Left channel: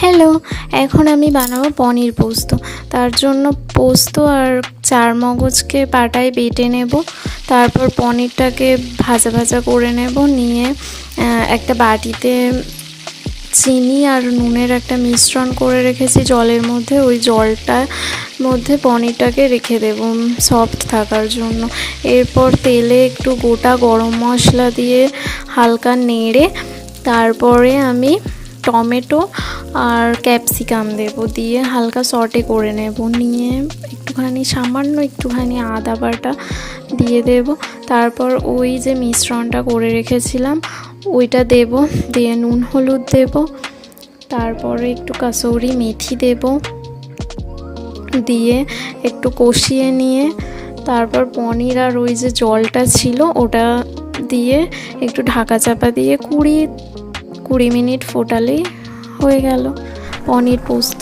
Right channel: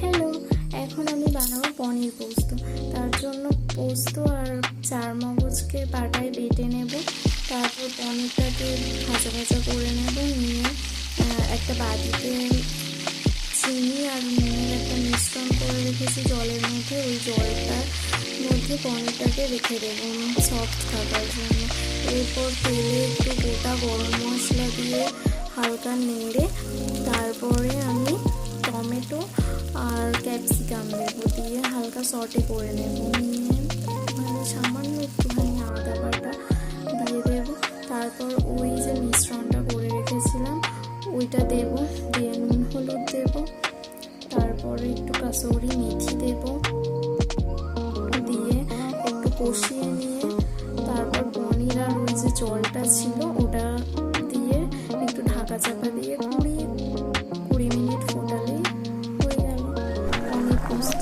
Hello, এখন আমি বানাবো পনির পোস্ত। তার জন্য পোস্ত আর চারমগজকে পাটায় বেটে নেব। তারপর পনিরটাকে ভাজা ভাজা করে নেব। নিয়ে একটা বাটিতে চিনি আর নুনের একটা মিশ্রণ করে রেখেছি জলের মধ্যে। ওই জলটার মধ্যে পনিরটাকে রেখে দেব সফট থাকার জন্য। এরপর তেলে একটু গোটা গরম মশলা দিয়ে হালকা নেড়ে তারপরে আমি টমেটো আর ক্যাপসিকাম দেব, দিয়ে হালকা সটে করে নেব। নিয়ে সামান্য একটুখানি আদা বাটা দিয়ে দেব। তারপর ওই যে মিশ্রণটা করে রেখেছিলাম ওইটা দেব, দিয়ে নুন হলুদ দেব। তারপরে একটু কাসুরি মেথি দেব, দিয়ে একটু কষিয়ে নিয়ে তারপর পনির আর ওই যে জলটা ছিল ওটা দিয়ে একটু ঢাকা চাপা দিয়ে 20 মিনিট ফোটালেই হয়ে গেল পনির পোস্ত।